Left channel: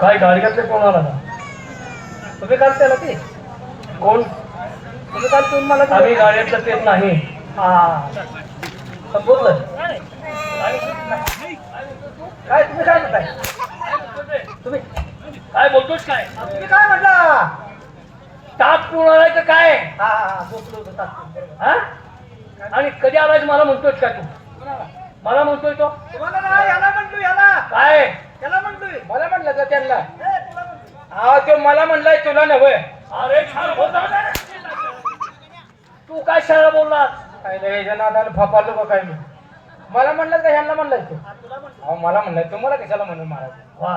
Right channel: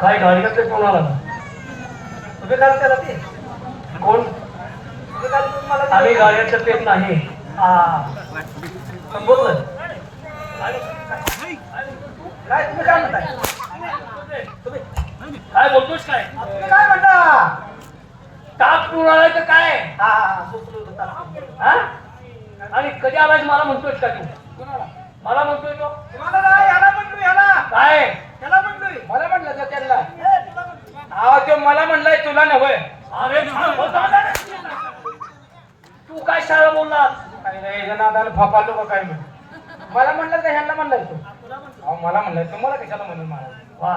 काय गाडी कसं कोण आला ना? तुम्ही काल त्याला ती? कोण? आम्ही गाड्यातलं पेत नाही हा. संपूर्ण? काय तुम्ही काय म्हणताय? तुम्ही काय बोलतोस काय? तुम्ही काय म्हणता? ताप कोण आलाय का काय? हा हा हा? आणि कधी आलाय मला म्हणतोस का तू? मला म्हणतोय तो. नाही, काय? मला म्हणलं तर त्यांना. तो मला म्हणलाय तुला नव्हे. अरे. तू काय शाळा बोलला? काय नाही याच्या नादानं फोपालो का काय मी मला म्हणलं तर ह्यांना म्हणलाय तू. अहो मला म्हणलाय तुम्हाला कशाला म्हणून मला वा.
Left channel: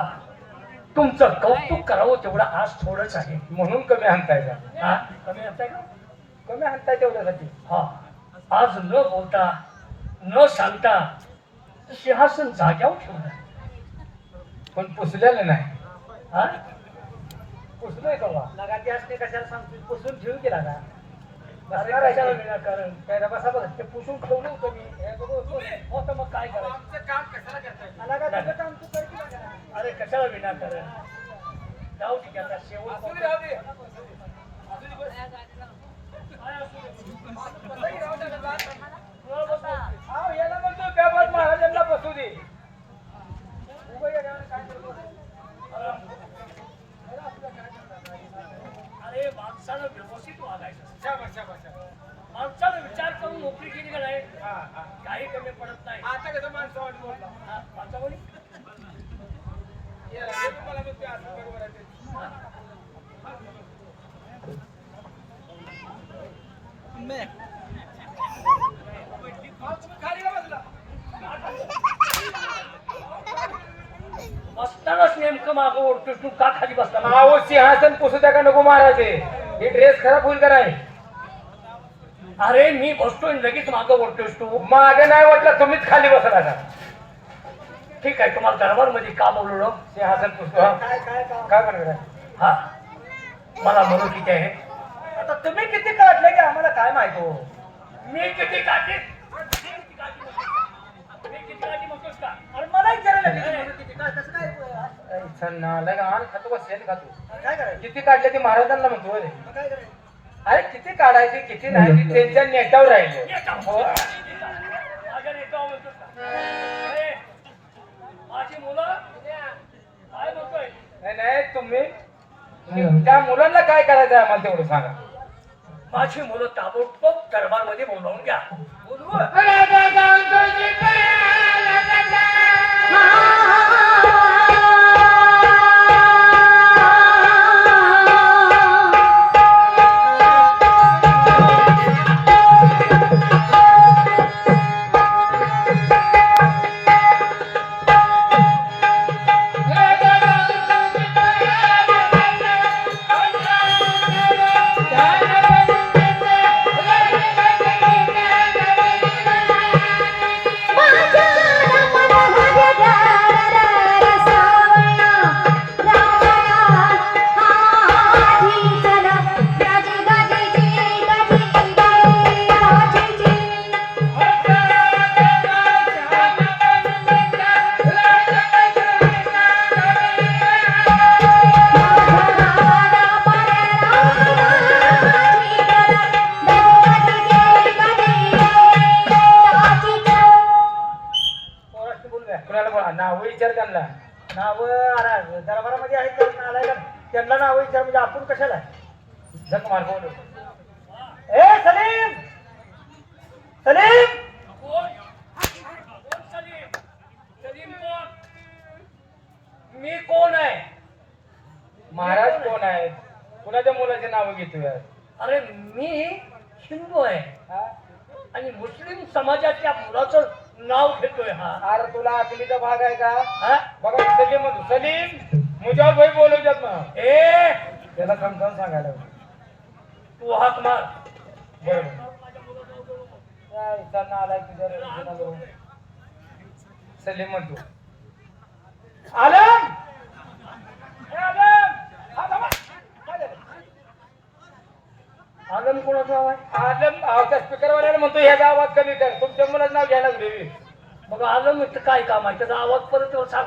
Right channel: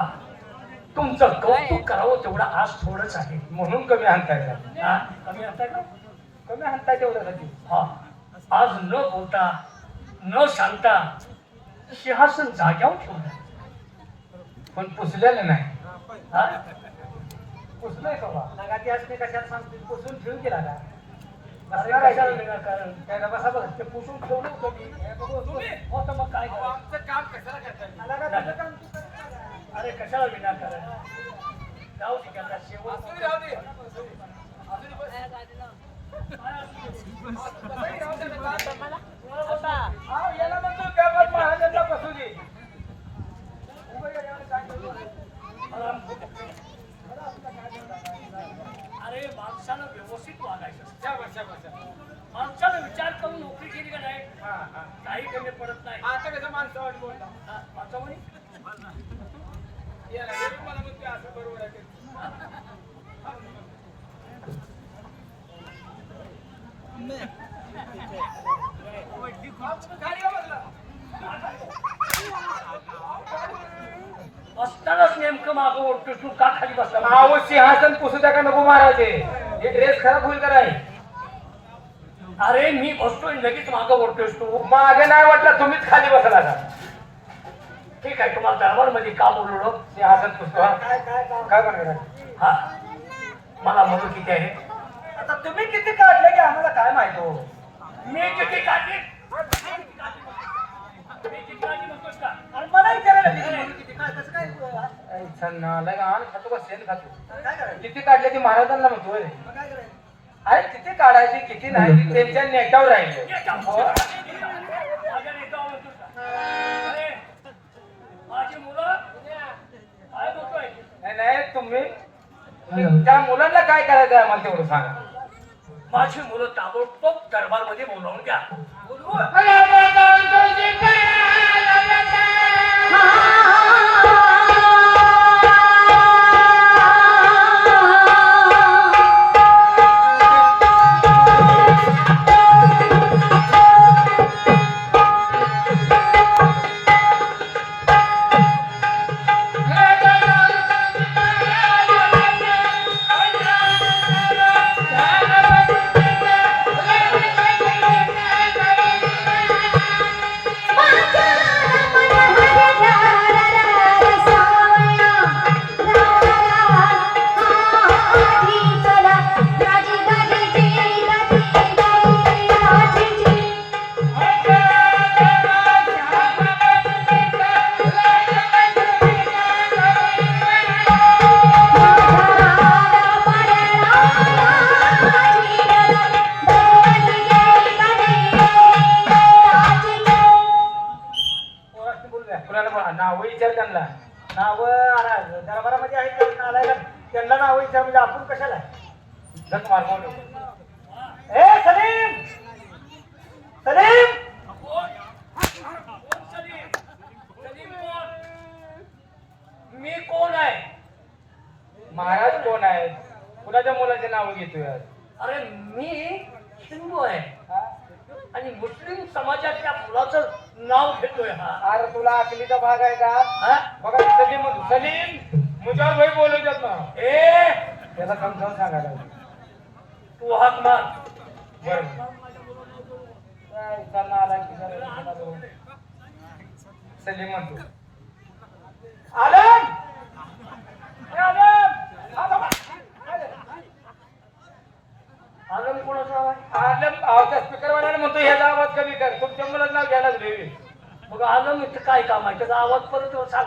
तुमचं कौतुक करावं तेवढं आज थोडंच आहे. म्हणून कमी हाणताय का? हा? कमी आता का? कमी हाणताय तेवढ्यासाठी हा आज न बोलता न सांगता सिंहासन जाग्यावर ठेवलं पण पुसलेलं नाही हा? पुसलंय का बा? लगा ती असते कशाला सांगतो पुसून ठेवू केला का अरे बसणार कशाला आहे ते. विनाकारण? काय रे, बसा बघ. ते पुसून ठेवलं होतं मी. हे बघू, तुम्ही. हो तर मग काय करायचं? आमचं काम कशाला करताय मला काय तुझं काम तू करतो का? अरे कशाला विनाकारण जाऊ दे की आता शेवट असू दे, राहू दे. अहो, याला म्हणतो व्यवहार महाराजांना बसू दे अरे माणसानं व्यवस्थित वागायचं. माणसानं विचार करून नोकरी केली का नाही. काही कमी पडत नाही. आता कसं माणसं वाट बोलला याला हे मला म्हणते असं बरोबर आहे ते. खाली या बसला. बसतानाच नेमकं मागं ओढतो तू का खाली बसला? अहो सिंहासन पुसू द्या का नको महाराज. हे हे ड्रेस खराब होईल का नाही? अरे मी बसतोय लगेच मागं ओढतोयस तू. मागे नाही वाटलं तुम्हीच खाली बसला का ठीक आहे तुम्हाला दरबारमध्ये का बोलवलं सिंहासन पुसतो हा? काय काय काय? काय बनवणार हा. मला म्हणू ठीक आहे. आता तुम्ही किती काढले की आम्हाला काय माहिती हो? मी किती काढली मी किती काढली म्हणतोस का आणि मला विचारायला लागले, किती काय कसं नालायक आण, खातो बसेल का तू? काय करायचं? किती काढले ती महाराजांना म्हणतोय मग काय करायचं? अरे किती काढायचे किती नाही त्यांच्या नेटावर राहिले. हो. नाही नाही तुम्ही त्या मुलांना काय करायचं आम्हाला तेवढं सांगा. माझी मुलं ताबडतोब दरबारमध्ये बोलावून घ्या. विचार त्यांना नावं दरबारामध्ये आहेत? नालायक. त्यांना नावं विचार म्हणजे आपण कशाला झक. ए सलीम सलीम? मी कोण आहे महाराज कोण आहे कुणाच्या मुलाचे नाव घेतो यार अरे मी हिंदू आहे आणि मुस्लिम समाजाच्या मुलाचं नाव घेतोय हा. अरे तुला अकलीचा भाग आहे का? बघा सलीम सलीम मुजावर भाई बोलवतात ना ए! त्याला समजावून सांगायला तू हाक मार. बरोबर आला सलीम म्हणतो. आलम! ए, आलम आलम आलम कोणाचं आवाज आलम अहो, त्या स्पीकरवाल्याला म्हणतो ह्याचा आवाज कमी कर. तुमच्या मुलाचं नाव घ्यायला लागले. मग आलो मी काय काम आहे? त्याचा आवाज परत सांग.